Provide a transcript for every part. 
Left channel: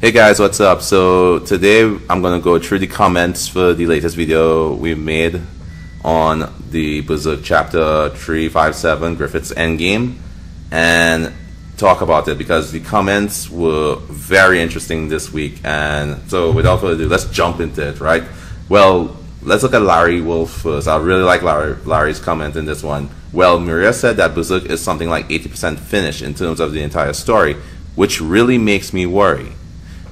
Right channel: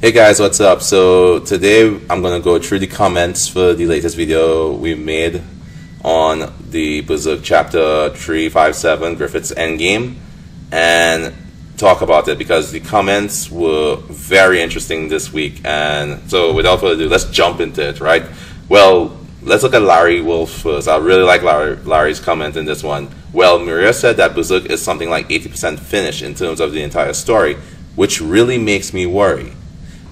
Hey guys, what's up? So today I'm going to go through the comments for the latest video we made on the Berserk chapter 357, Griffith's Endgame, and talk about it because the comments were very interesting this week. And so without further ado, let's jump into it, right? Well, let's look at Larry Wolf first. I really like Larry's comment in this one. Well, Maria said that Berserk is something like 80% finished in terms of the entire story, which really makes me worry.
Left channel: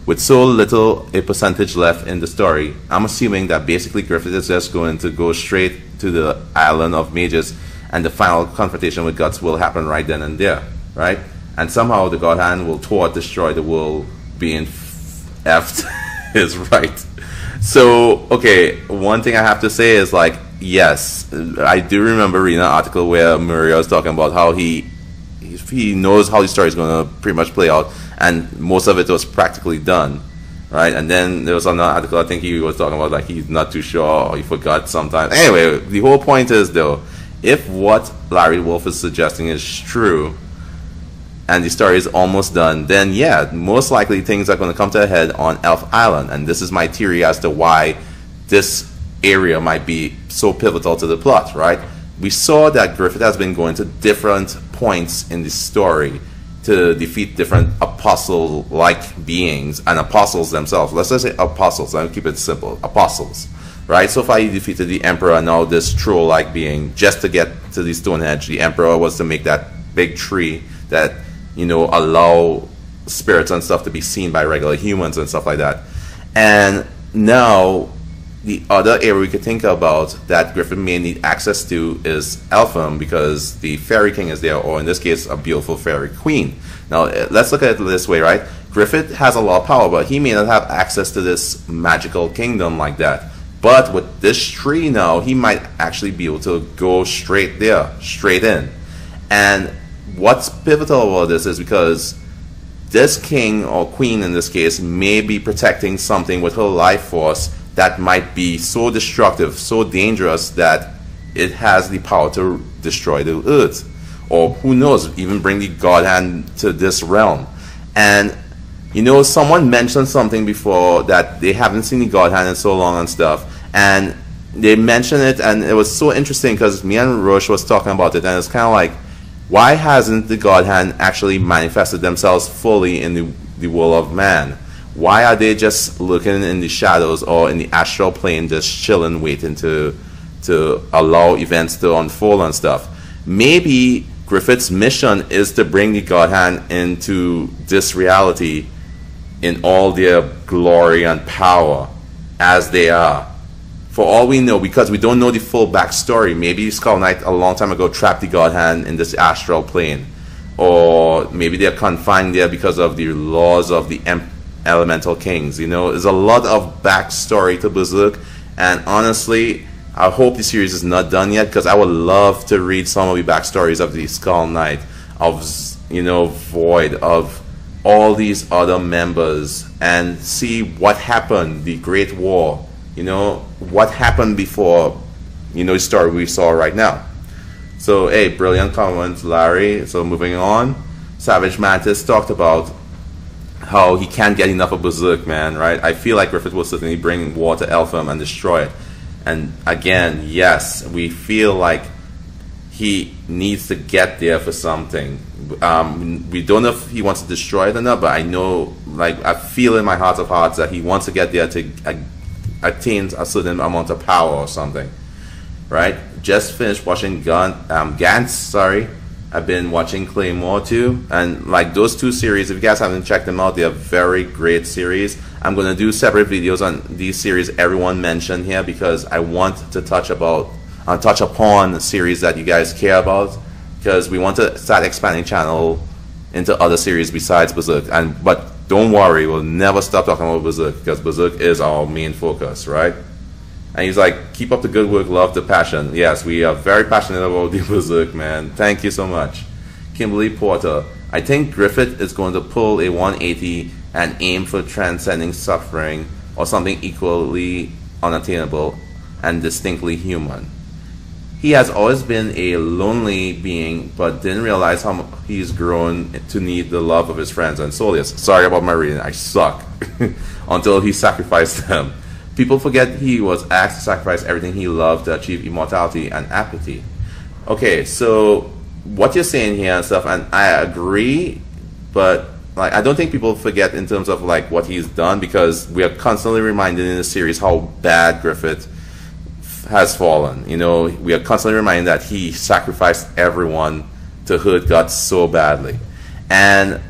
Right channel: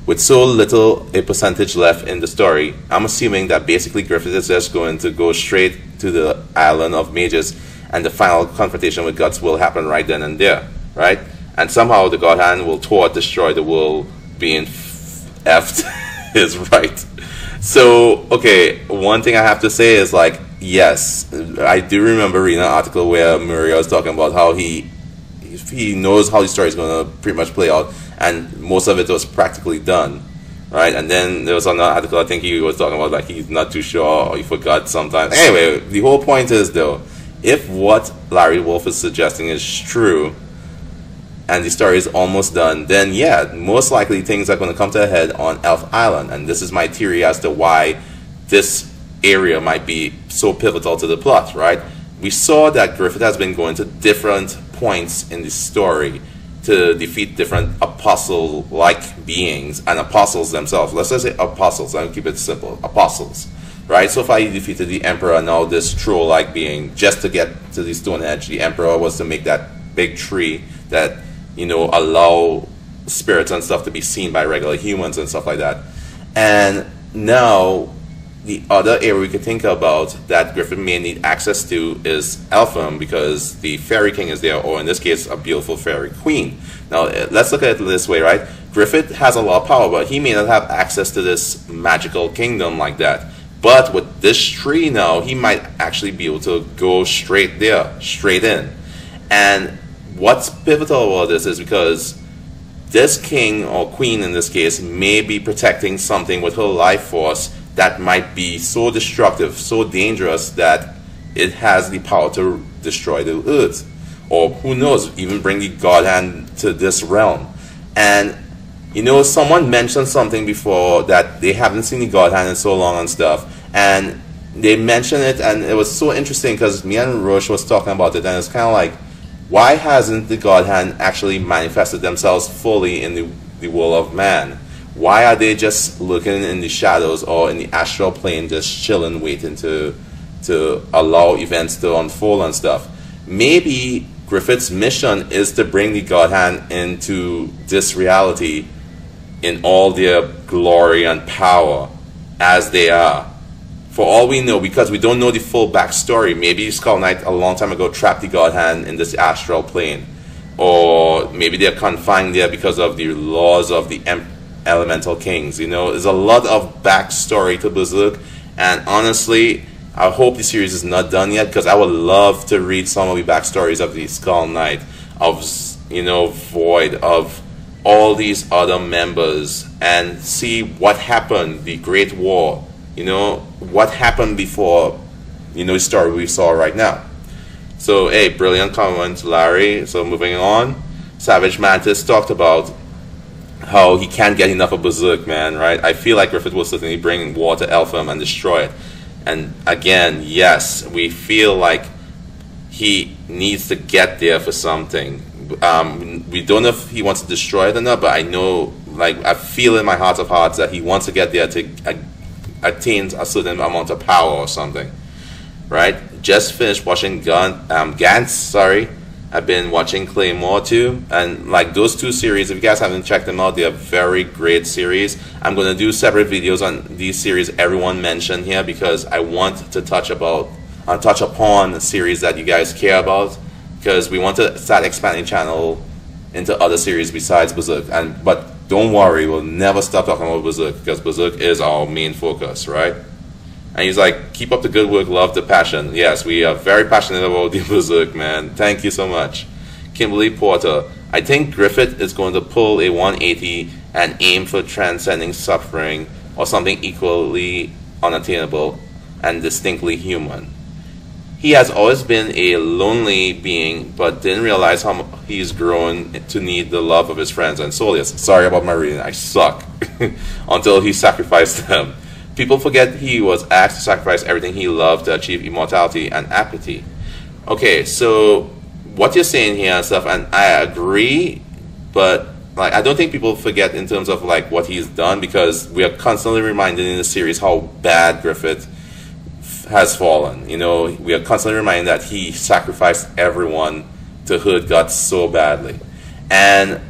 With so little a percentage left in the story, I'm assuming that basically Griffith is just going to go straight to the Island of Mages and the final confrontation with Guts will happen right then and there, right? And somehow the God Hand will destroy the world being effed is right. So, okay, one thing I have to say is like, yes, I do remember reading an article where Maria was talking about how he knows how the story is going to pretty much play out, and most of it was practically done, right? And then there was another article I think he was talking about like he's not too sure or he forgot sometimes. Anyway, the whole point is though, if what Larry Wolf is suggesting is true and the story is almost done, then yeah, most likely things are going to come to a head on Elf Island. And this is my theory as to why this area might be so pivotal to the plot, right? We saw that Griffith has been going to different points in the story to defeat different apostle-like beings and apostles themselves. Let's just say apostles, I'll keep it simple, apostles, right? So far he defeated the Emperor, and now this troll-like being. Just to get to the Stonehenge, the Emperor was to make that big tree that, you know, allow spirits and stuff to be seen by regular humans and stuff like that. And now the other area we could think about that Griffith may need access to is Elfham, because the Fairy King is there, or in this case, a beautiful Fairy Queen. Now, let's look at it this way, right? Griffith has a lot of power, but he may not have access to this magical kingdom like that. But with this tree now, he might actually be able to go straight there, straight in. And what's pivotal about this is because this king, or queen in this case, may be protecting something with her life force that might be so destructive, so dangerous that it has the power to destroy the earth. Or who knows, even bring the God Hand to this realm. And, you know, someone mentioned something before that they haven't seen the God Hand in so long and stuff. And they mentioned it, and it was so interesting because me and Roche was talking about it, and it's kind of like, why hasn't the God Hand actually manifested themselves fully in the world of man? Why are they just looking in the shadows or in the astral plane, just chilling, waiting to allow events to unfold and stuff? Maybe Griffith's mission is to bring the God Hand into this reality in all their glory and power as they are. For all we know, because we don't know the full backstory, maybe Skull Knight a long time ago trapped the God Hand in this astral plane. Or maybe they're confined there because of the laws of the Elemental Kings. You know, there's a lot of backstory to Berserk, and honestly, I hope the series is not done yet, because I would love to read some of the backstories of the Skull Knight, of, you know, Void, of all these other members, and see what happened, the Great War, you know, what happened before, you know, the story we saw right now. So, hey, brilliant comment, Larry. So moving on, Savage Mantis talked about how he can't get enough of Berserk, man, right? I feel like Griffith will certainly bring war to Elfham and destroy it. And again, yes, we feel like he needs to get there for something. We don't know if he wants to destroy it or not, but I know, like, I feel in my heart of hearts that he wants to get there to attain a certain amount of power or something, right? Just finished watching Gantz, sorry. I've been watching Claymore too, and like those two series, if you guys haven't checked them out, they are very great series. I'm going to do separate videos on these series everyone mentioned here, because I want to touch upon series that you guys care about, because we want to start expanding channel into other series besides Berserk. But don't worry, we'll never stop talking about Berserk, because Berserk is our main focus, right? And he's like, keep up the good work, love the passion. Yes, we are very passionate about the Berserk, man. Thank you so much. Kimberly Porter, I think Griffith is going to pull a 180 and aim for transcending suffering, or something equally unattainable and distinctly human. he has always been a lonely being, but didn't realize how he's grown to need the love of his friends and soldiers. Sorry about my reading, I suck. Until he sacrificed them. People forget he was asked to sacrifice everything he loved to achieve immortality and apathy. Okay, so what you're saying here and stuff, and I agree, but like I don't think people forget in terms of like what he's done, because we are constantly reminded in the series how bad Griffith has fallen. You know, we are constantly reminded that he sacrificed everyone to hurt God so badly. And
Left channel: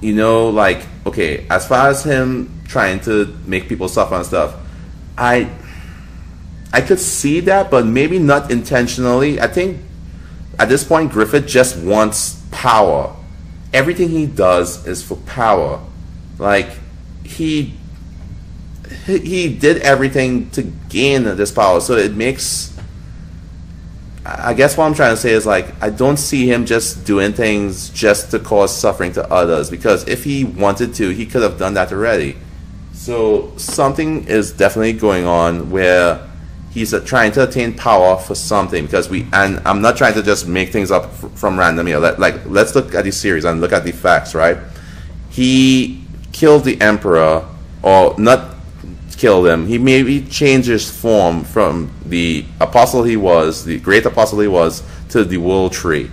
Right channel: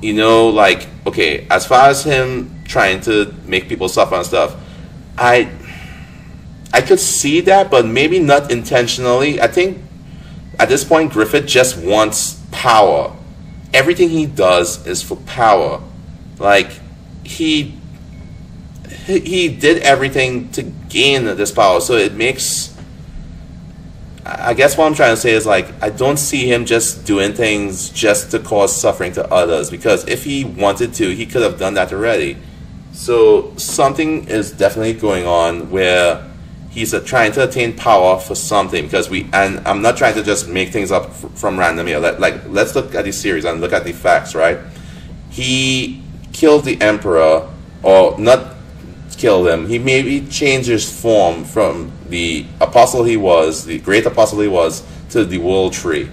you know, like, okay, as far as him trying to make people suffer and stuff, I could see that, but maybe not intentionally. I think at this point Griffith just wants power. Everything he does is for power. Like, he did everything to gain this power, so it makes, I guess what I'm trying to say is, like, I don't see him just doing things just to cause suffering to others, because if he wanted to, he could have done that already. So something is definitely going on where he's trying to attain power for something, because and I'm not trying to just make things up from random here. Let's look at the series and look at the facts, right? He killed the Emperor, or not killed him, he maybe changed his form from the apostle he was, the great apostle he was, to the world tree.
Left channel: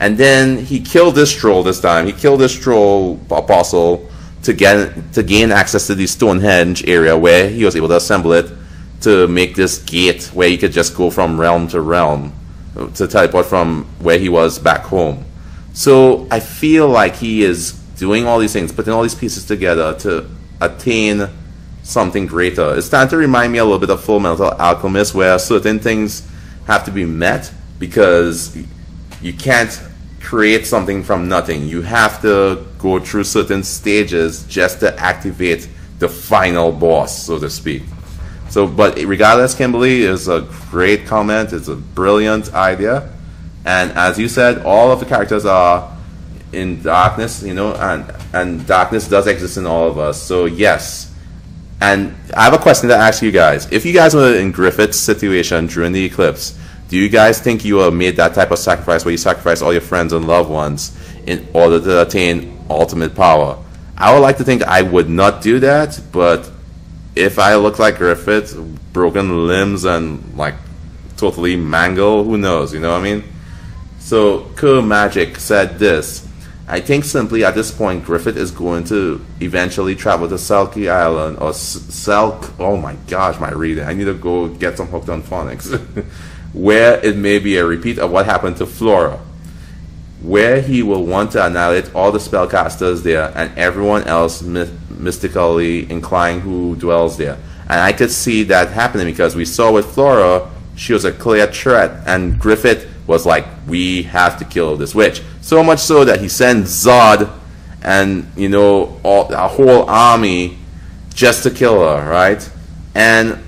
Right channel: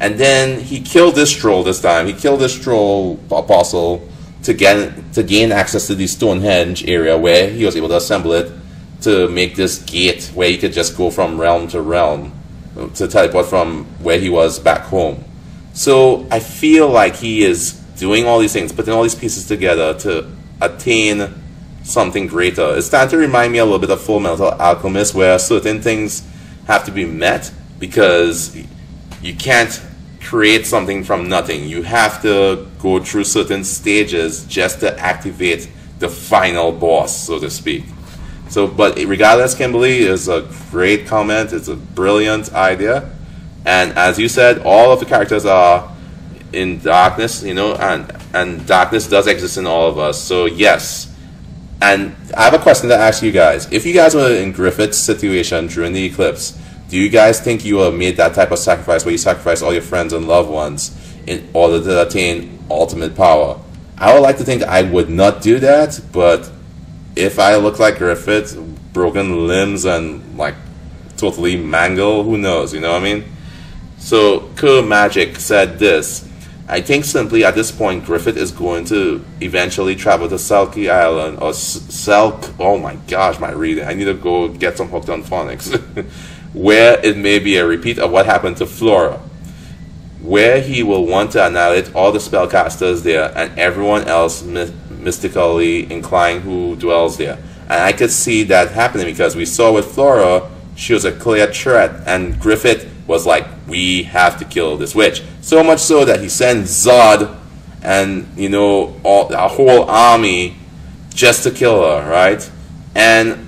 And then he killed this troll this time. He killed this troll apostle to gain access to the Stonehenge area, where he was able to assemble it to make this gate where he could just go from realm to realm, to teleport from where he was back home. So I feel like he is doing all these things, putting all these pieces together to attain something greater. It's starting to remind me a little bit of Full Metal Alchemist, where certain things have to be met, because you can't create something from nothing. You have to go through certain stages just to activate the final boss, so to speak. So, but regardless, Kimberly, is a great comment. It's a brilliant idea. And as you said, all of the characters are in darkness, you know, and darkness does exist in all of us. So yes. And I have a question to ask you guys. If you guys were in Griffith's situation during the eclipse, do you guys think you would have made that type of sacrifice, where you sacrifice all your friends and loved ones in order to attain ultimate power? I would like to think I would not do that, but if I look like Griffith, broken limbs and like totally mangled, who knows, you know what I mean? So Kerr Magic said this: I think simply at this point Griffith is going to eventually travel to Selkie Island, or oh my gosh, my reading, I need to go get some Hooked on Phonics, where it may be a repeat of what happened to Flora, where he will want to annihilate all the spellcasters there and everyone else mystically inclined who dwells there. And I could see that happening, because we saw with Flora, she was a clear threat, and Griffith was like, we have to kill this witch. So much so that he sent Zod and, you know, a whole army just to kill her, right? And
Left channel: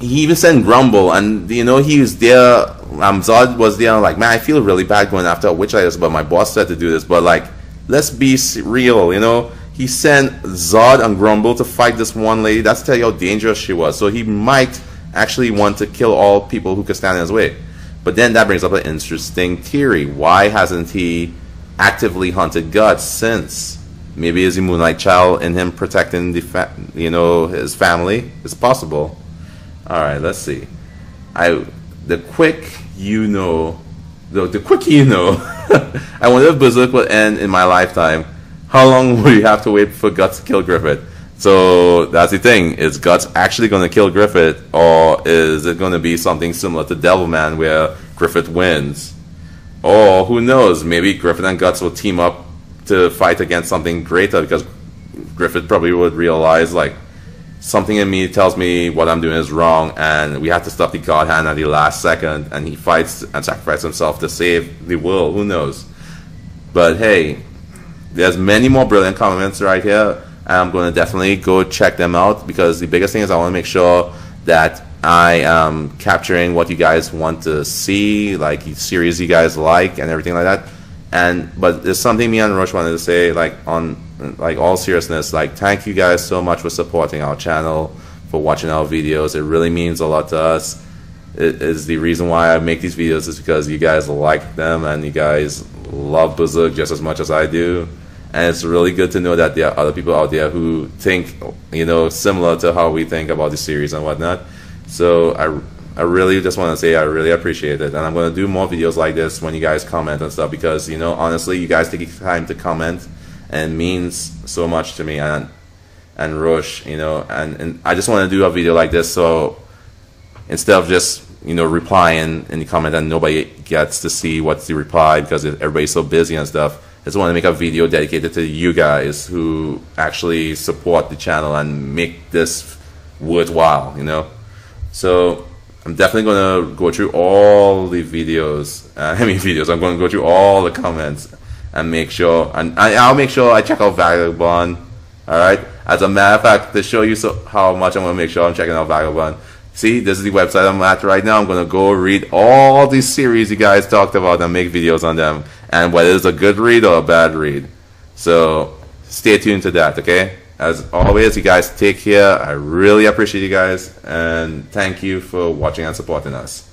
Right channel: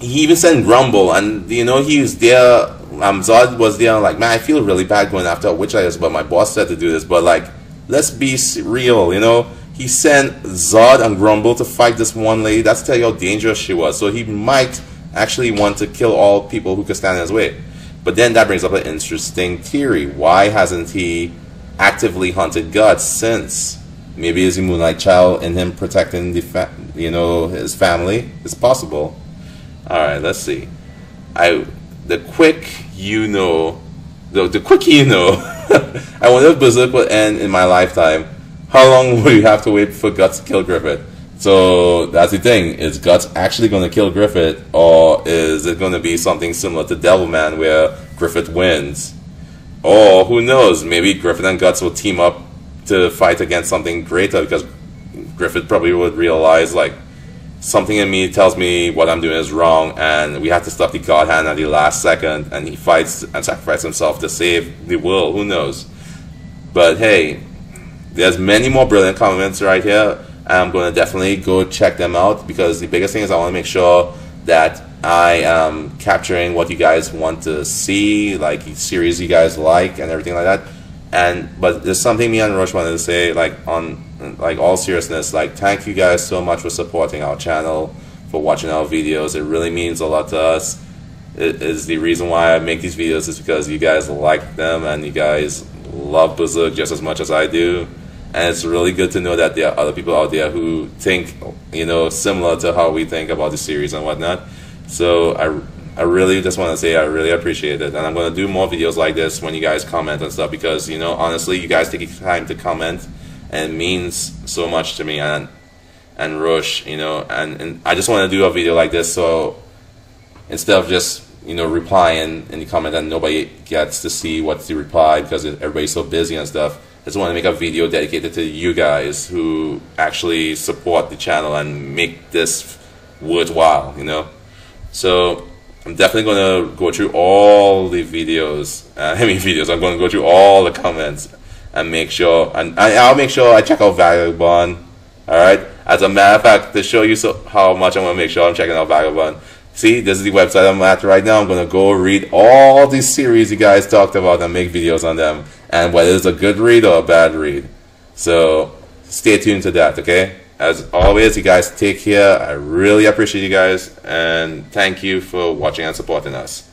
he even sent Grumble, and, you know, he was there, Zod was there, like, man, I feel really bad going after a witch like this, but my boss said to do this, but, like, let's be real, you know? He sent Zod and Grumble to fight this one lady. That's to tell you how dangerous she was. So he might actually want to kill all people who could stand in his way. But then that brings up an interesting theory. Why hasn't he actively hunted God since? Maybe is he Moonlight Child in him protecting the you know, his family? It's possible. All right, let's see. The quick you know, I wonder if Berserk will end in my lifetime. How long will you have to wait for Guts to kill Griffith? So that's the thing. Is Guts actually going to kill Griffith, or is it going to be something similar to Devilman, where Griffith wins? Or who knows? Maybe Griffith and Guts will team up to fight against something greater, because Griffith probably would realize, like, something in me tells me what I'm doing is wrong, and we have to stop the God Hand at the last second, and he fights and sacrifices himself to save the world. Who knows? But hey, there's many more brilliant comments right here. I'm going to definitely go check them out, because the biggest thing is I want to make sure that I am capturing what you guys want to see, like the series you guys like and everything like that. But there's something me and Roche wanted to say, like, on like all seriousness, like, thank you guys so much for supporting our channel, for watching our videos. It really means a lot to us. is the reason why I make these videos, is because you guys like them and you guys love Berserk just as much as I do. And it's really good to know that there are other people out there who think, you know, similar to how we think about the series and whatnot. So I really just want to say I really appreciate it, and I'm going to do more videos like this when you guys comment and stuff, because, you know, honestly, you guys take time to comment and it means so much to me and Rush, you know, and I just want to do a video like this, so instead of just, you know, replying in the comment and nobody gets to see what's the reply because everybody's so busy and stuff, I just want to make a video dedicated to you guys who actually support the channel and make this worthwhile, you know. So I'm definitely going to go through all the videos, I'm going to go through all the comments and make sure, and I'll make sure I check out Vagabond. Alright, as a matter of fact, to show you how much I'm going to make sure I'm checking out Vagabond. See, this is the website I'm at right now. I'm going to go read all these series you guys talked about and make videos on them, and whether it's a good read or a bad read. So stay tuned to that, okay? As always, you guys take care. I really appreciate you guys, and thank you for watching and supporting us.